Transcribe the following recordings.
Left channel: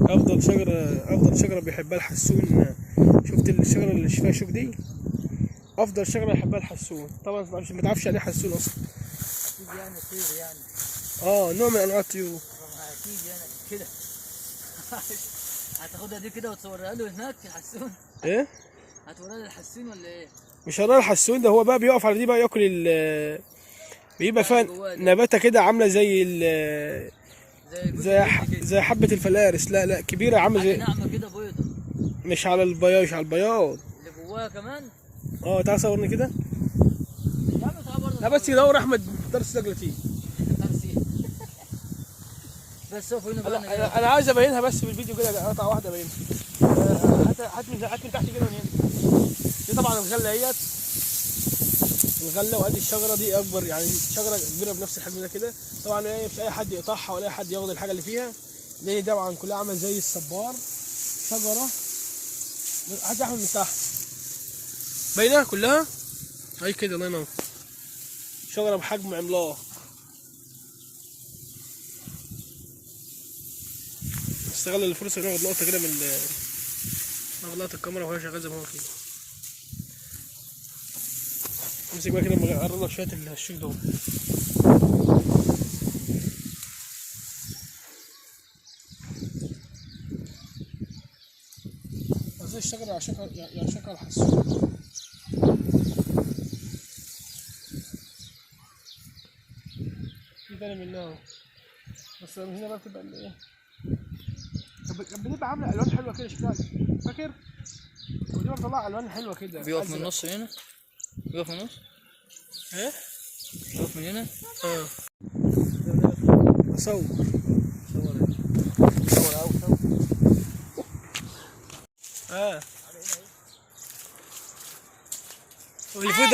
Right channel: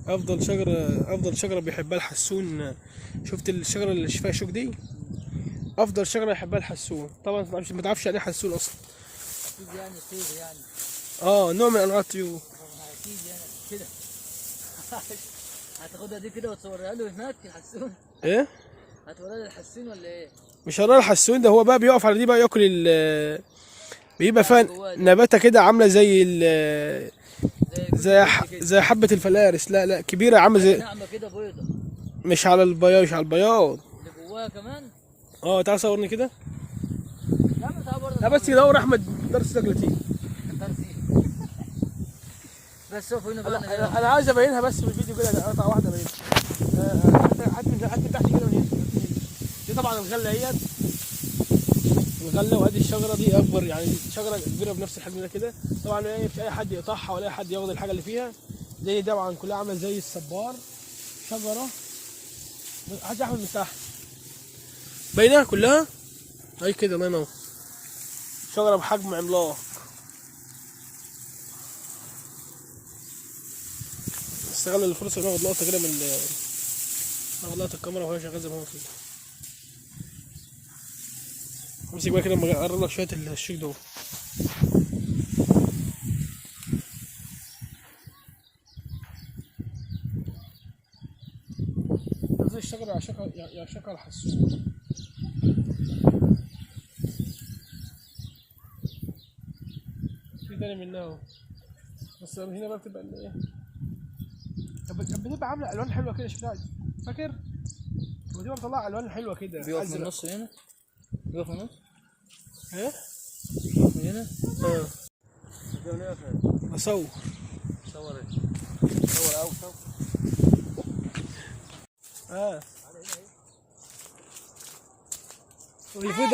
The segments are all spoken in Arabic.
افضل شجره بيحبها الحسون. شفت الشجره اللي فيها شوك دي؟ افضل شجره يحبها الحسون. طبعا ما تعرفش يعني ايه حسون اصلا. اكيد يعني طير يعني. نوع من انواع الطيور. اكيد يعني كده. هتاخدها دي كده وتصورها له هناك الحسون؟ ايه؟ هتوريها للحسون ولا ايه؟ مش هنرى الحسون ده، هو بقى بيقف على دي بقى ياكل بيبقى فيها نباتة كده عاملة زي زي حبة الفلارس. لا كبيرة عاملة زي ناعمة كده بيضة. مش على البياض، مش على البياض. اللي جواها كمان؟ تعال صورني كده. يا عم تعال برضه. لا بس يدور احمد درس سجلتي. بس شوف هنا بقى. انا عايز ابينها بس في الفيديو كده قطعة واحدة ابينها. هات من تحت كده من هنا. دي طبعا الغلة اهيت. الغله، وادي الشجره دي اكبر، يعني شجره كبيره بنفس الحجم ده كده. طبعا مش اي حد يقطعها ولا اي حد ياخد الحاجه اللي فيها، لان طبعا كلها عامله زي الصبار. شجره هات يا احمد من تحت باينه كلها هي كده. الله ينور. شجره بحجم عملاق. استغل الفرصه وناخد لقطه كده ناخد لقطه الكاميرا وهي شغاله زي ما هو كده. امسك بقى كده اما اقرب لك شويه الشيك دول. زي الشجره يعشقها الحسون. في تاني منها اهو، بس من هنا بقى بتبقى ايه، كانت بتبقى عامله الوان حلوه كده شكلها، فاكر؟ كانت بتبقى مطلعه الوان حلوه كده. بيقف من النص هنا؟ بيقف من النص؟ ايه؟ بيقف من هنا؟ اصور اوفر.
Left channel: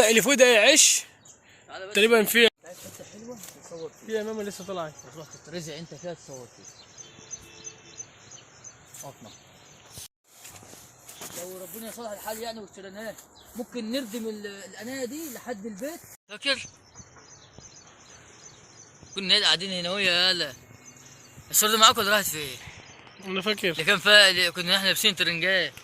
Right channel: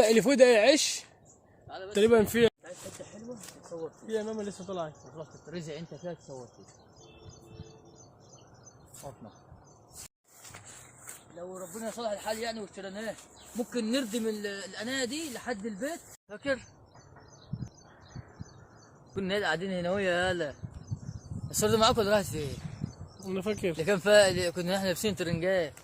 اللي فوق ده عش تقريبا. في حته حلوه تصور فيها ماما لسه طالعه. خلاص ترزع انت فيها تصور فيها. اطلع. لو ربنا صلح الحال يعني واشتريناه ممكن نردم القنايه دي لحد البيت. فاكر؟ كنا قاعدين هنا ويا يالا. الصورة دي معاك ولا راحت فين؟ انا فاكر اللي كان فيها كنا احنا لابسين ترنجات.